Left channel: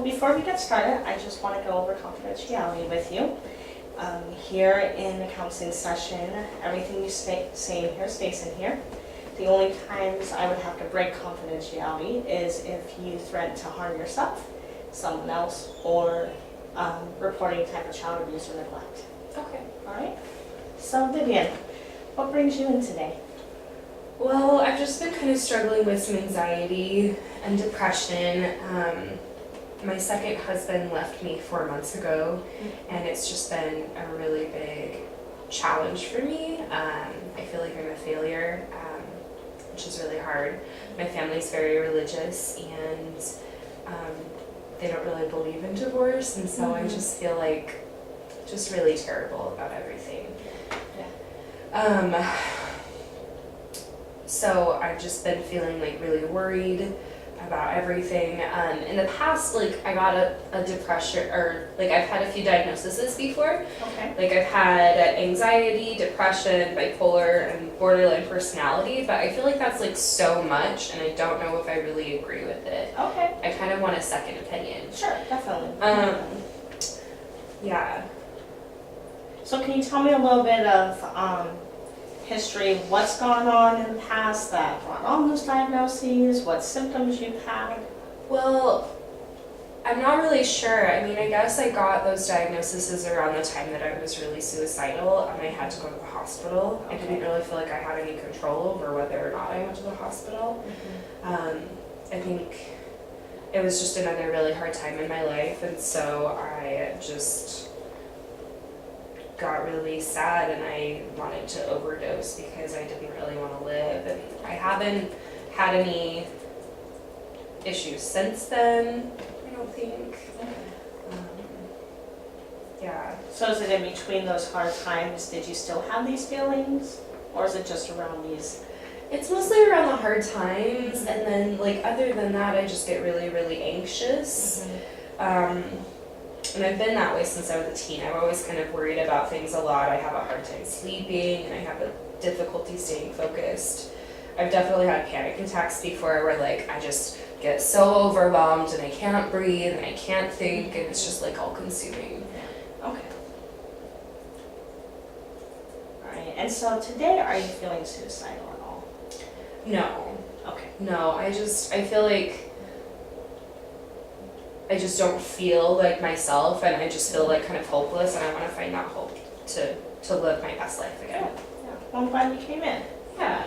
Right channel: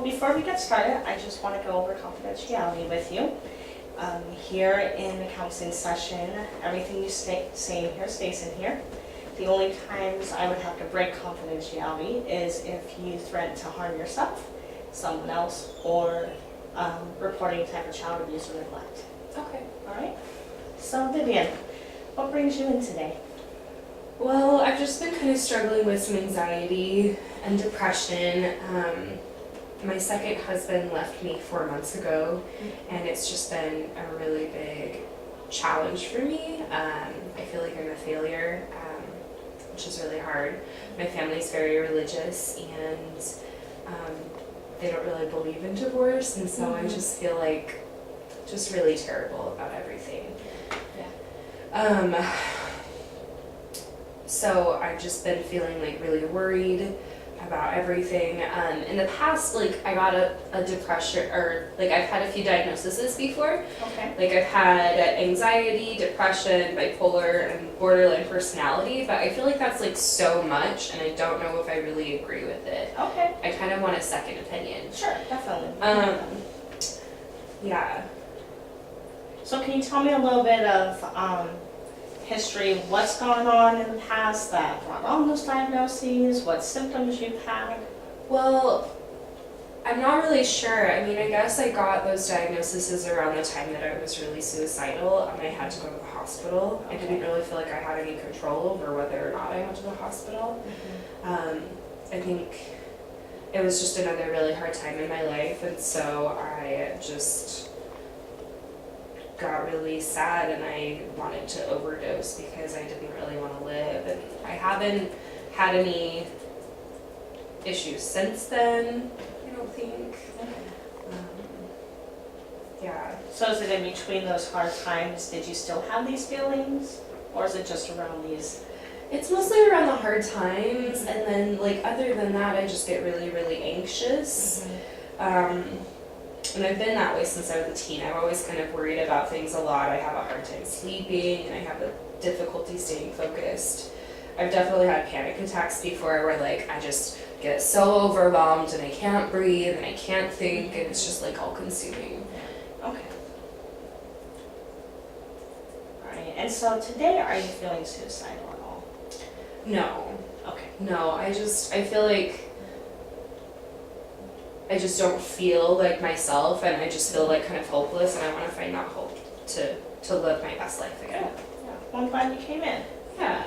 So before we get started, I just want to go over confidentiality with you. Here in the counseling session, everything you say in here stays in here. The only times I would have to break confidentiality is if you threaten to harm yourself, someone else, or reporting type of child abuse or neglect. Okay. All right? So Vivian, what brings you in today? Well, I've just been kind of struggling with some anxiety and depression. My second husband left me 4 months ago, and it's just been a really big challenge for me. I feel like I'm a failure, which is really hard. My family's very religious, and they don't really believe in divorce, and so I just feel like just really terrible about everything. Yeah. So I've just been feeling like really worried about everything. In the past, like I got a depression, or like I've had a few diagnoses before. Okay. Like I've had anxiety, depression, bipolar, and borderline personality, but I feel like that's like so much, and I don't know if I really agree with it. Okay. I kind of want a second opinion. Sure, definitely. Yeah. So can you tell me a little bit of history of what's gone on in the past that brought on those diagnoses, what symptoms you've had? Well, I'm not really sure. I mean, I guess I got those diagnoses around the time that I was really suicidal and I had to go to the hospital. Okay. I didn't really feel like I had any control over whether or not I went to the hospital. I think it was just another really hard time in my life, and so I just got really sad and I wanted to overdose because I didn't really want to live, and I haven't had any issues since then, I don't think. Yeah. So is it in between those hard times, did you still have these feelings? Or is it just around these? It's mostly around the hard times, and then like other than that I just get really, really anxious. And I've been that way since I was a teen. I've always kind of worried about things a lot. I have a hard time sleeping, and I have a difficulty staying focused. I've definitely had panic attacks before where like I just get so overwhelmed and I can't breathe and I can't think, and it's just like all consuming. Okay. Alright, and so today are you feeling suicidal at all? No. Okay. No, I feel like I just don't feel like myself, and I just feel like kind of hopeless, and I want to find that hope to live my best life again. Yeah. Well, I'm glad you came in. Yeah.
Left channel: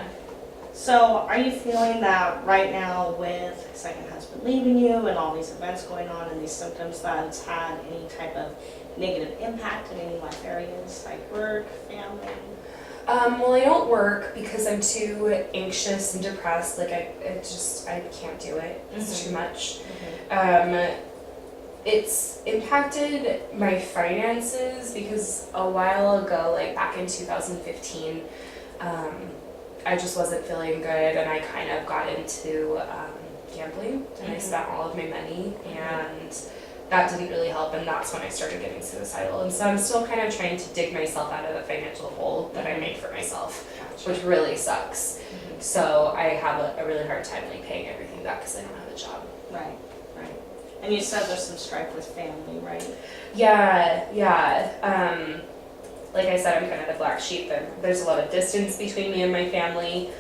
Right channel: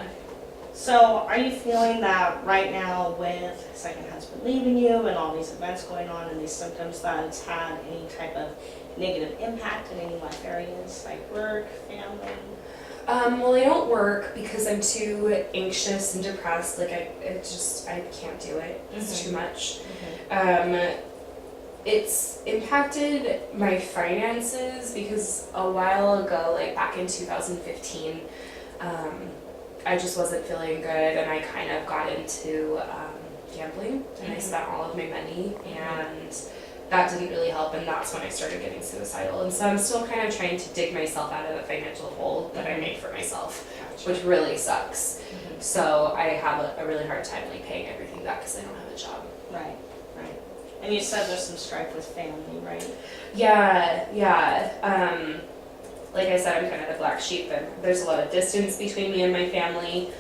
So are you feeling that right now with second husband leaving you and all these events going on and these symptoms that it's had any type of negative impact in any life areas like work, family? Well, I don't work because I'm too anxious and depressed. Like I can't do it. It's too much. It's impacted my finances because a while ago, like back in 2015, I just wasn't feeling good, and I kind of got into gambling, and I spent all of my money, and that didn't really help, and that's when I started getting suicidal. And so I'm still kind of trying to dig myself out of the financial hole that I made for myself, which really sucks. So I have a really hard time like paying everything back because I don't have a job. Right. And you said there's some strife with family, right? Yeah. Like I said, I'm kind of the black sheep, and there's a lot of distance between me and my family.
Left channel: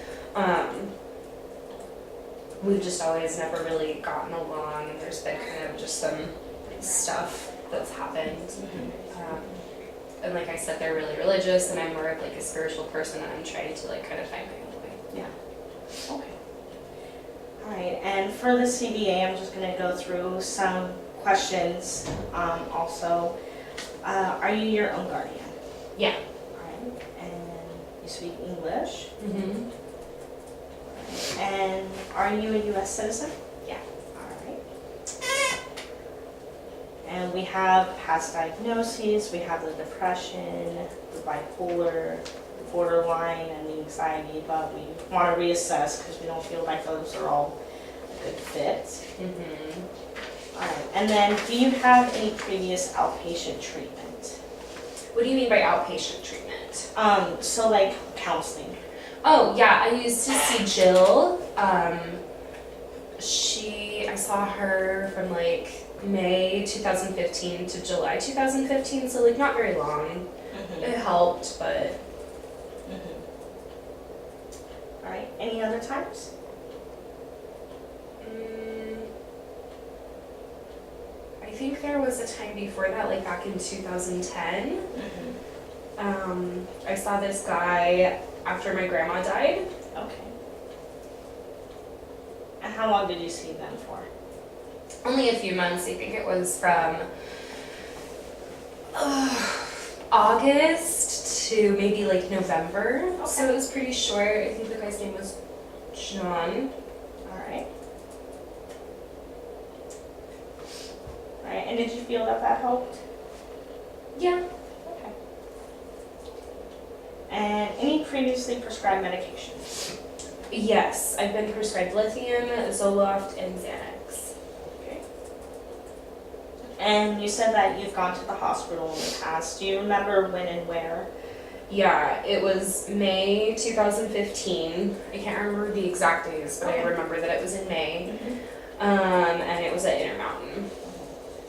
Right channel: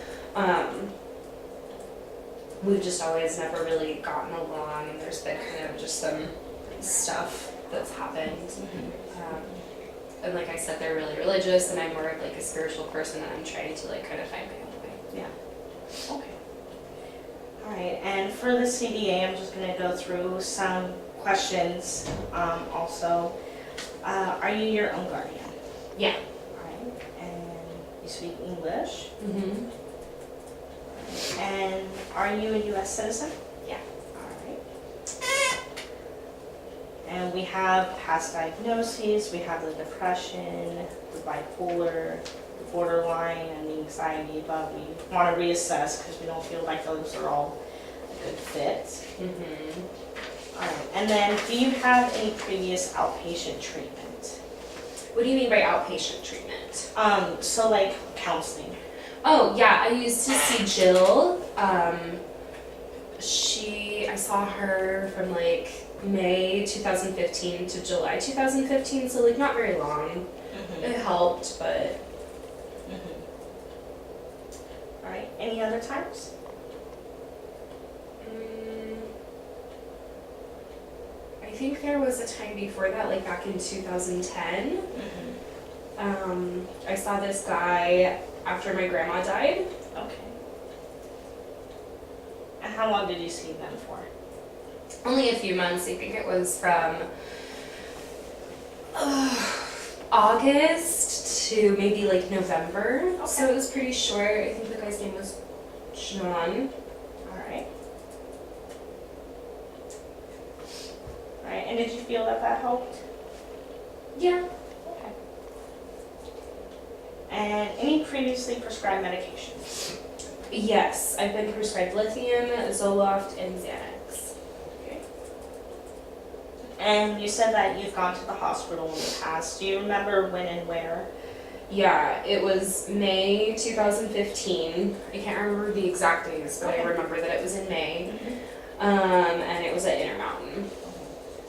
We've just always never really gotten along, and there's been kind of just some stuff that's happened. And like I said, they're really religious, and I'm more of like a spiritual person, and I'm trying to like kind of find my own way. Yeah. Okay. All right, and for the CDA, I'm just going to go through some questions also. Are you your own guardian? Yeah. All right, and you speak English? Mm-hmm. And are you a U.S. citizen? Yeah. All right. And we have past diagnoses, we have the depression, the bipolar, the borderline, and the anxiety, but we want to reassess because we don't feel like those are all a good fit. All right, and then do you have any previous outpatient treatment? What do you mean by outpatient treatment? So like counseling. Oh, yeah, I used to see Jill. I saw her from like May 2015 to July 2015, so like not very long. Mm-hmm. It helped, but Mm-hmm. All right. Any other times? I think there was a time before that, like back in 2010. Mm-hmm. I saw this guy after my grandma died. Okay. And how long did you see them for? Only a few months. I think it was from August to maybe like November. Okay. So it was pretty short. I think the guy's name was John. All right. All right. And did you feel that helped? Yeah. Okay. And any previously prescribed medications? Yes, I've been prescribed lithium, Zoloft, and Xanax. Okay. And you said that you've gone to the hospital in the past. Do you remember when and where? Yeah, it was May 2015. I can't remember the exact days, but I Okay. remember that it was in May. And it was at Intermountain.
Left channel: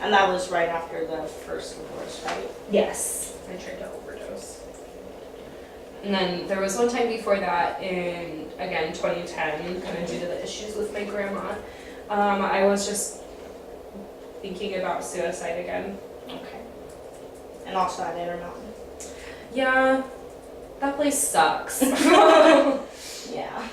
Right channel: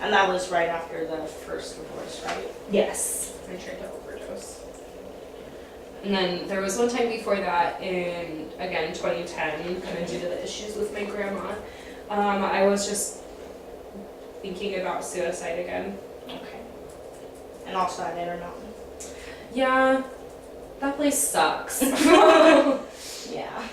And that was right after the first divorce, right? Yes, I tried to overdose. And then there was one time before that in, again, 2010, kind of due to the issues with my grandma. I was just thinking about suicide again. Okay. And also at Intermountain. Yeah, that place sucks. Yeah.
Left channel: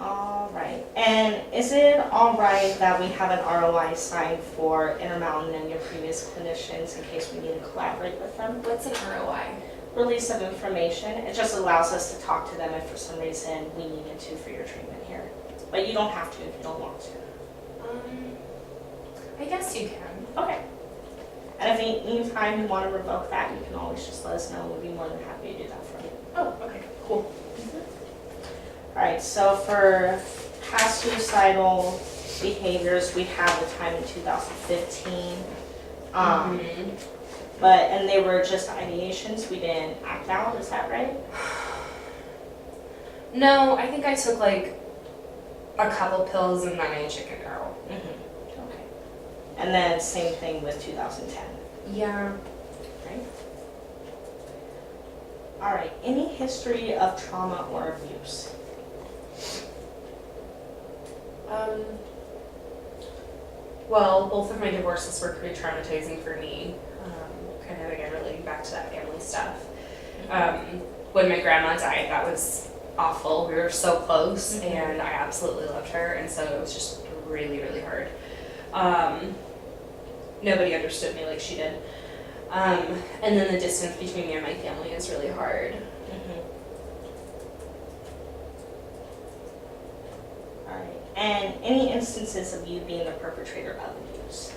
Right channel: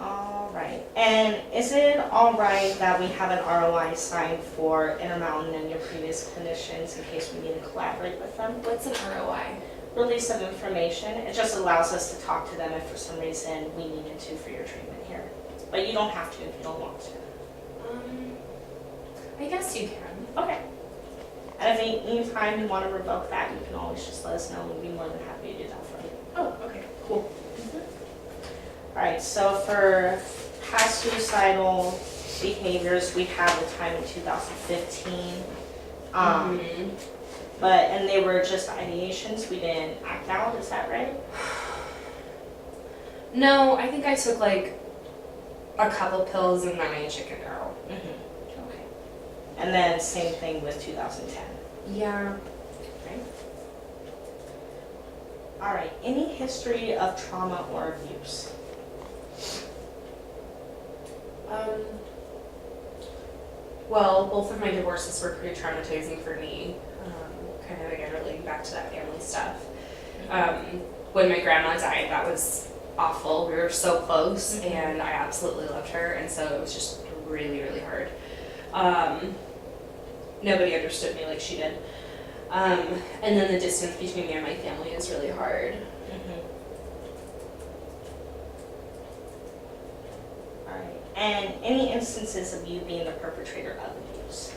All right. And is it all right that we have an ROI signed for Intermountain and your previous clinicians in case we need to collaborate with them? What's an ROI? Release of information. It just allows us to talk to them if for some reason we needed to for your treatment here. But you don't have to if you don't want to. I guess you can. Okay. And if any time you want to revoke that, you can always just let us know. We'll be more than happy to do that for you. Oh, okay, cool. All right, so for past suicidal behaviors, we have the time in 2015. And they were just ideations. We didn't act out. Is that right? No, I think I took like a couple pills and then I chickened out. Okay. And then same thing with 2010. Yeah. Right. All right. Any history of trauma or abuse? Well, both of my divorces were pretty traumatizing for me. Kind of again relating back to that family stuff. When my grandma died, that was awful. We were so close, and I absolutely loved her, and so it was just really, really hard. Nobody understood me like she did. And then the distance between me and my family is really hard. Alright. And any instances of you being the perpetrator of abuse?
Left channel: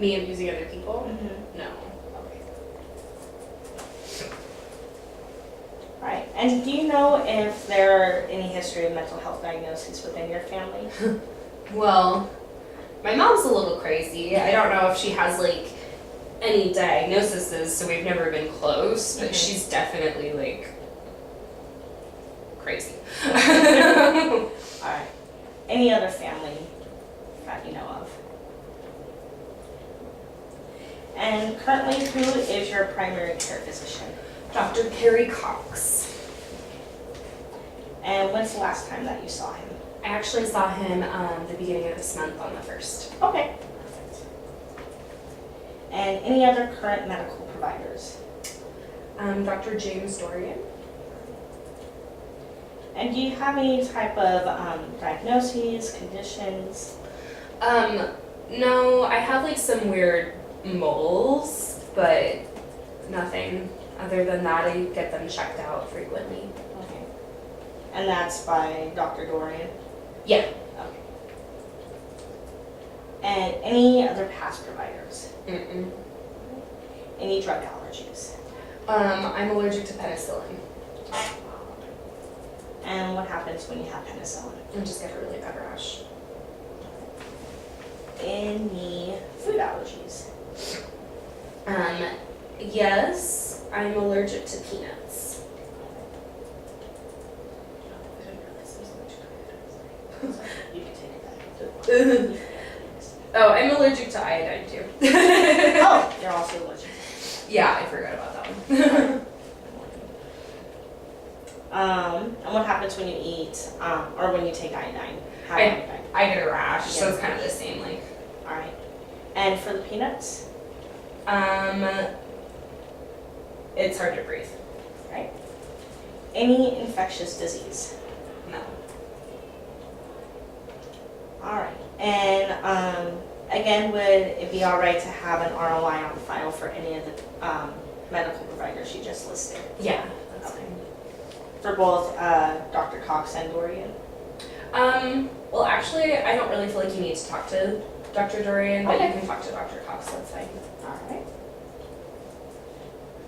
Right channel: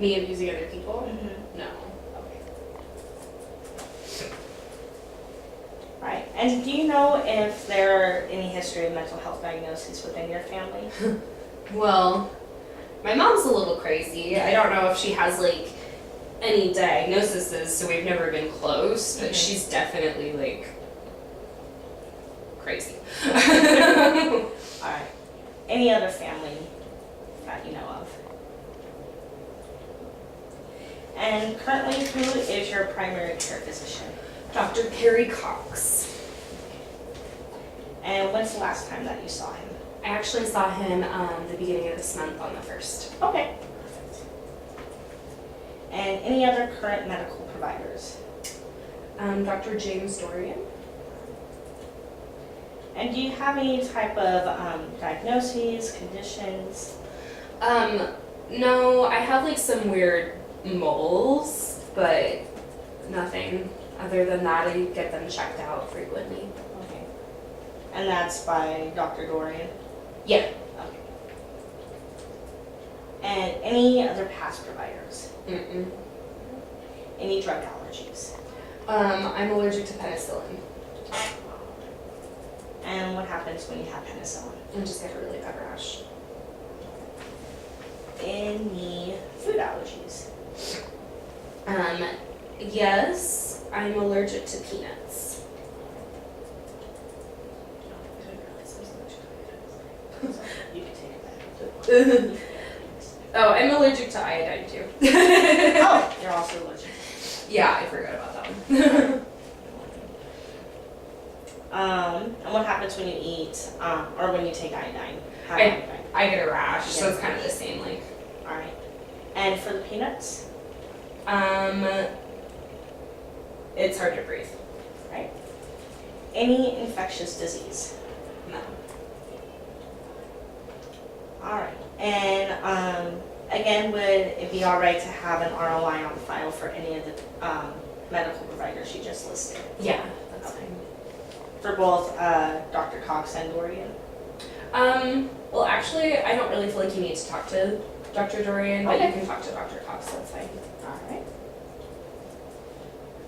Me abusing other people? No. Okay. Alright. And do you know if there are any history of mental health diagnoses within your family? Well, my mom's a little crazy. I don't know if she has like any diagnoses, so we've never been close, but she's definitely like crazy. Alright. Any other family that you know of? And currently, who is your primary care physician? Dr. Perry Cox. And when's the last time that you saw him? I actually saw him the beginning of this month on the 1st. Okay. Perfect. And any other current medical providers? Dr. James Dorian. And do you have any type of diagnoses, conditions? No, I have like some weird moles, but nothing other than that. I get them checked out frequently. Okay. And that's by Dr. Dorian? Yeah. Okay. And any other past providers? Any drug allergies? I'm allergic to penicillin. And what happens when you have penicillin? I just get a really bad rash. Any food allergies? Yes, I'm allergic to peanuts. I didn't realize I was allergic to Oh, I'm allergic to iodine too. Oh, you're also allergic. Yeah, I forgot about that one. And what happens when you eat, or when you take iodine? Have I- iodine. I get a rash, so Yeah. it's kind of the same. Like, All right. And for the peanuts, it's hard to breathe. right? Any infectious disease? No. All right. And again, would it be all right to have an ROI on file for any of the medical providers you just listed? Yeah, that's fine. For both Dr. Cox and Dorian? Well, actually, I don't really feel like you need to talk to Dr. Dorian, but Okay. you can talk to Dr. Cox. That's fine. All right.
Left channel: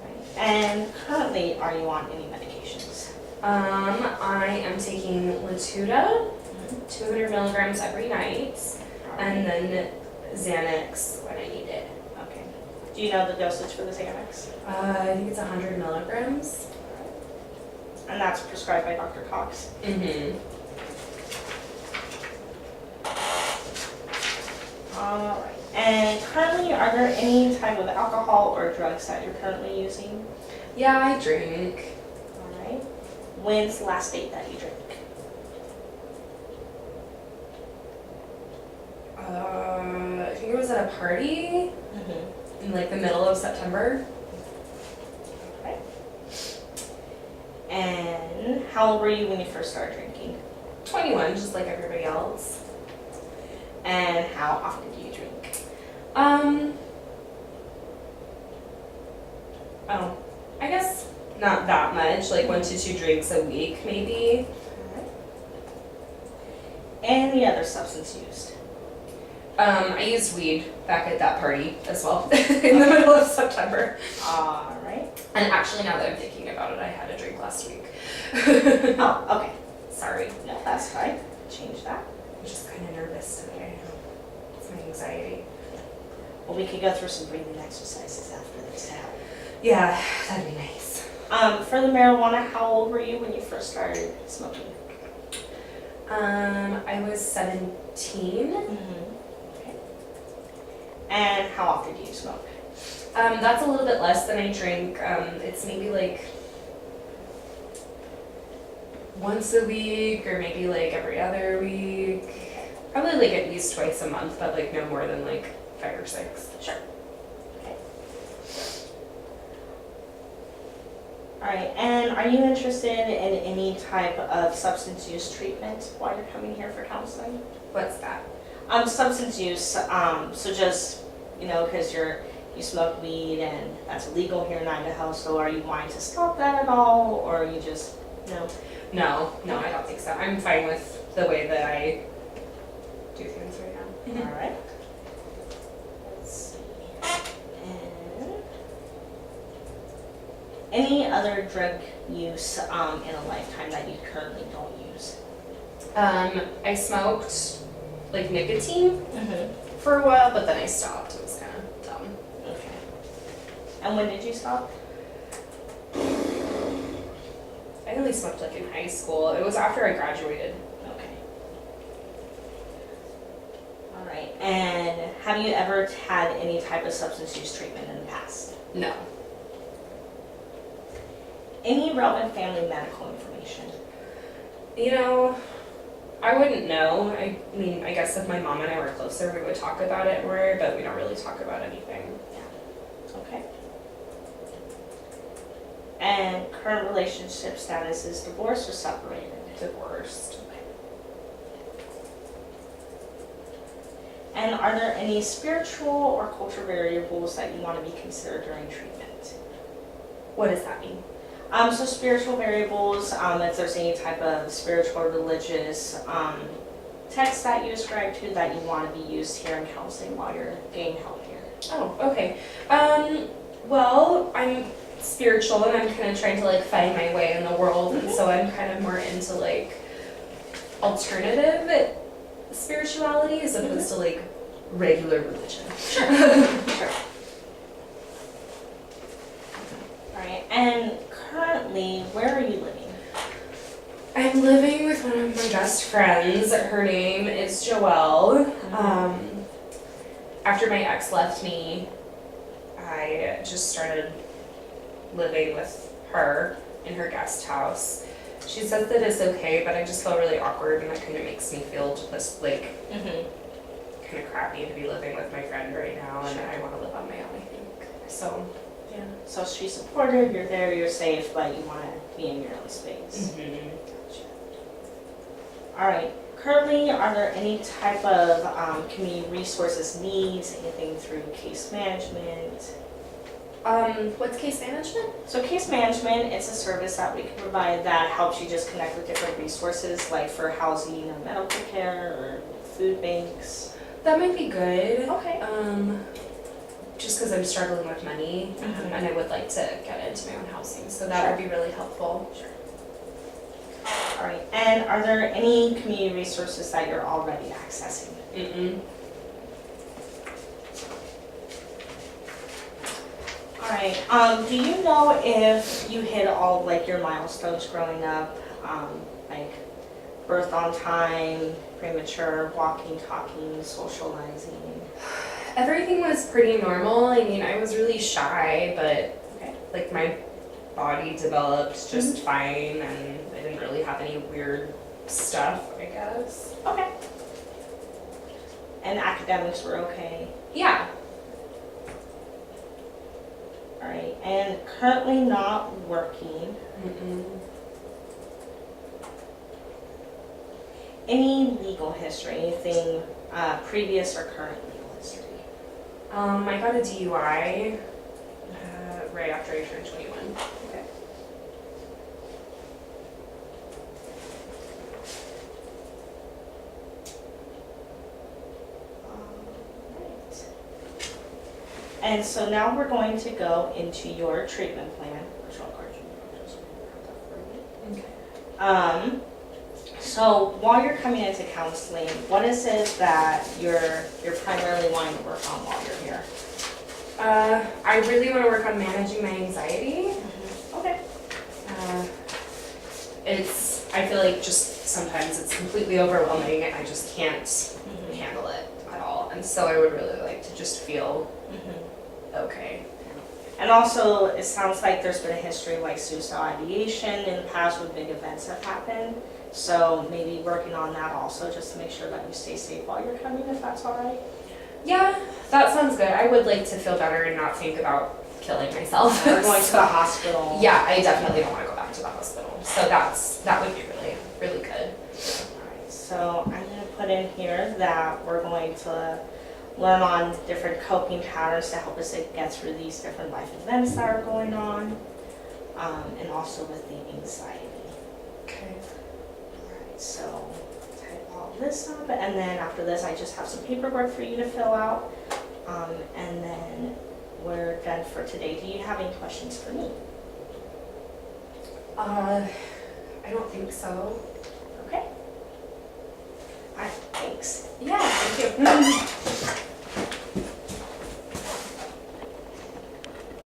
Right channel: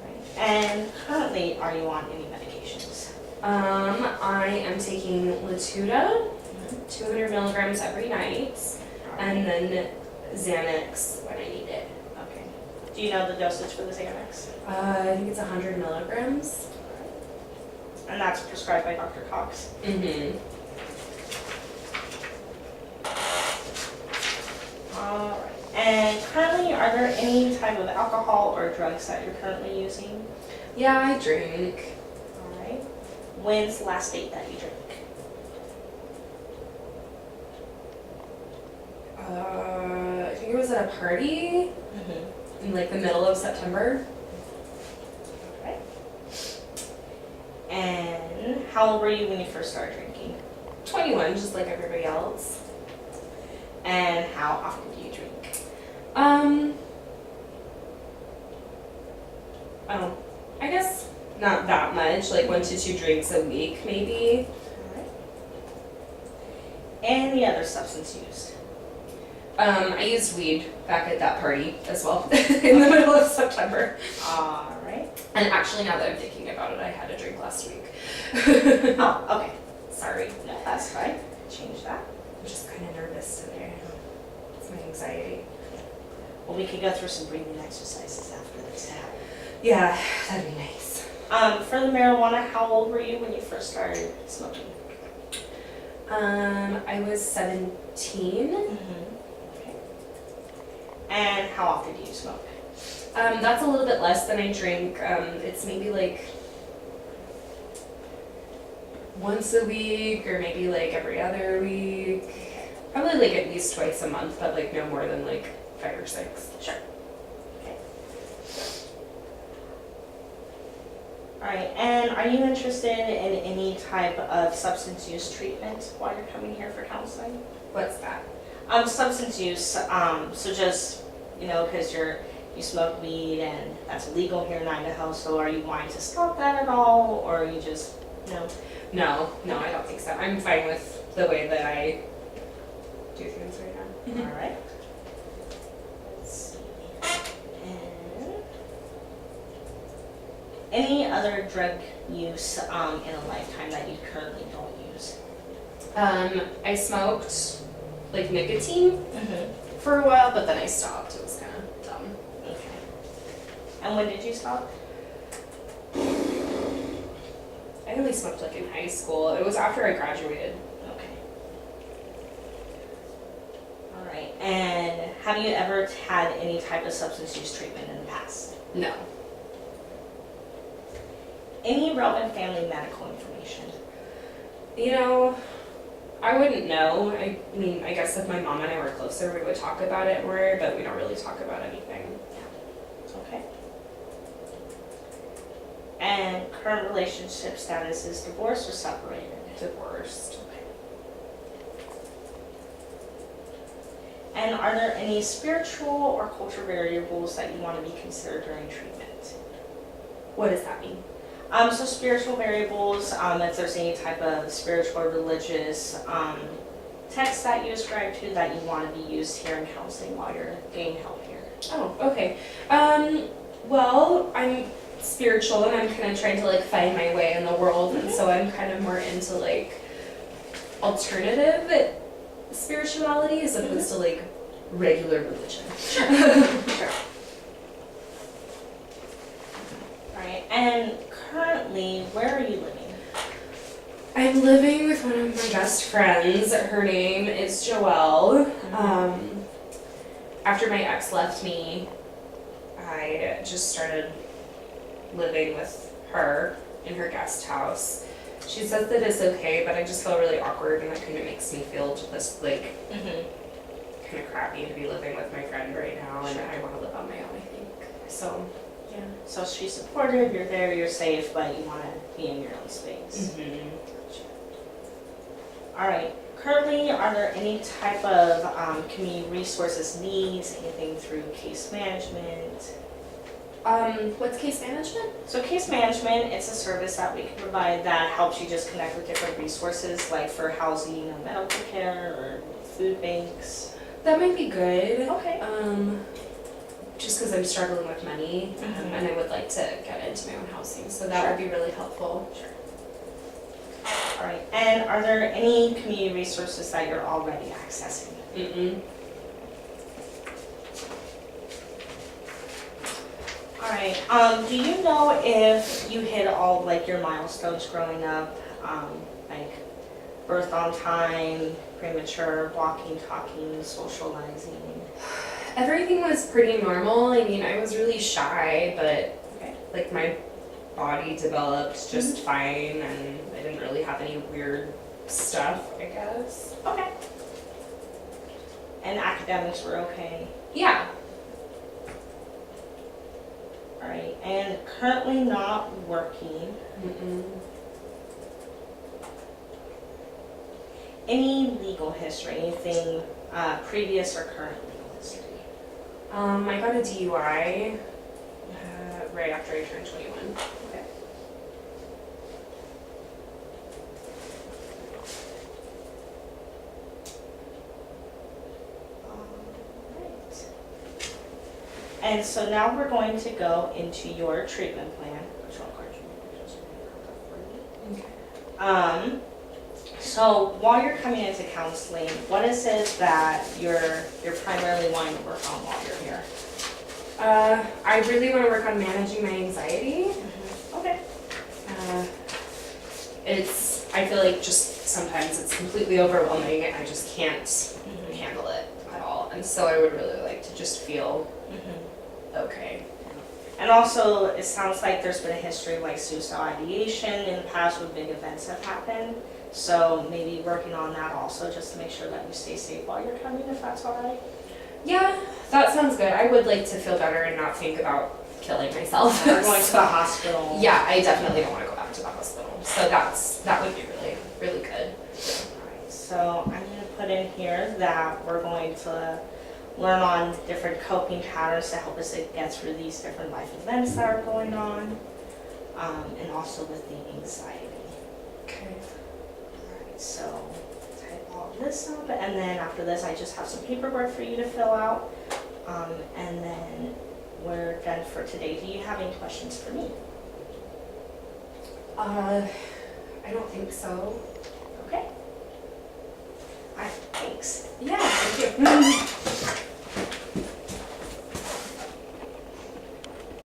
Right. And currently, are you on any medications? I am taking Latuda, 200 milligrams every night, and then Xanax when I need it. Okay. Do you know the dosage for the Xanax? I think it's 100 milligrams. And that's prescribed by Dr. Cox? Mm-hmm. All right. And currently, are there any type of alcohol or drugs that you're currently using? Yeah, I drink. All right. When's the last date that you drank? I think it was at a party in like the middle of September. Okay. And how old were you when you first started drinking? 21, just like everybody else. And how often do you drink? Oh, I guess not that much, like 1 to 2 drinks a week maybe. All right. Any other substance used? I used weed back at that party as well in the middle of September. All right. And actually, now that I'm thinking about it, I had a drink last week. Oh, okay. Sorry. No, that's fine. Change that. I'm just kind of nervous today. It's my anxiety. Well, we could go through some breathing exercises after this to help. Yeah, that'd be nice. For the marijuana, how old were you when you first started smoking? I was 17. Okay. And how often do you smoke? That's a little bit less than I drink. It's maybe like once a week or maybe like every other week. Probably like at least twice a month, but like no more than like 5 or 6. Sure. Okay. All right. And are you interested in any type of substance use treatment while you're coming here for counseling? What's that? Substance use. So just because you smoke weed and that's illegal here in Idaho. So are you wanting to stop that at all, or are you just no? No, I don't think so. I'm fine with the way that I do things right now. All right. Let's see. And any other drug use in a lifetime that you currently don't use? I smoked like nicotine for a while, but then I stopped. It was kind of dumb. Okay. And when did you stop? I only smoked like in high school. It was after I graduated. Okay. All right. And have you ever had any type of substance use treatment in the past? No. Any relevant family medical information? I wouldn't know. I mean, I guess if my mom and I were closer, we would talk about it more, but we don't really talk about anything. Okay. And current relationship status is divorced or separated? Divorced. Okay. And are there any spiritual or cultural variables that you want to be considered during treatment? What does that mean? So spiritual variables, if there's any type of spiritual or religious text that you ascribe to that you want to be used here in counseling while you're getting help here. Oh, okay. Well, I'm spiritual and I'm kind of trying to like find my way in the world, and so I'm kind of more into like alternative spirituality as opposed to like regular religion. Sure. All right. And currently, where are you living? I'm living with one of my best friends. Her name is Joelle. After my ex left me, I just started living with her in her guest house. She says that it's okay, but I just feel really awkward, and that kind of makes me feel just like kind of crappy to be living with my friend right now, and I want to live on my own, I think. So Yeah. So she's supportive, you're there, you're safe, but you want to be in your own space. Gotcha. All right. Currently, are there any type of community resources needs, anything through case management? what's case management? So case management, it's a service that we can provide that helps you just connect with different resources, like for housing or medical care or food banks. That might be good. Okay. Just because I'm struggling with money, and I would like to get into my own housing, so that would be really helpful. Sure. All right. And are there any community resources that you're already accessing? All right. Do you know if you hit all like your milestones growing up, like birth on time, premature, walking, talking, socializing? Everything was pretty normal. I mean, I was really shy, but like my body developed just fine, and I didn't really have any weird stuff, I guess. Okay. And academics were okay? Yeah. All right. And currently not working. Any legal history? Anything previous or current legal history? I got a DUI right after I turned 21. Okay. Right. And so now we're going to go into your treatment plan, which I'll card you. Just grab that for you. Okay. So while you're coming into counseling, what is it that you're primarily wanting to work on while you're here? I really want to work on managing my anxiety. Okay. I feel like just sometimes it's completely overwhelming and I just can't handle it at all. And so I would really like to just feel okay. And also, it sounds like there's been a history of like suicidal ideation in the past when big events have happened. So maybe working on that also, just to make sure that you stay safe while you're coming, if that's all right. Yeah, that sounds good. I would like to feel better and not think about killing myself. Or going to the hospital. Yeah, I definitely don't want to go back to the hospital. So that would be really, really good. All right, so I'm going to put in here that we're going to learn on different coping patterns to help us to get through these different life events that are going on, and also with the anxiety. Okay. Alright, so type all this up, and then after this I just have some paperwork for you to fill out, and then we're done for today. Do you have any questions for me? I don't think so. Okay. Alright, thanks. Yeah, thank you.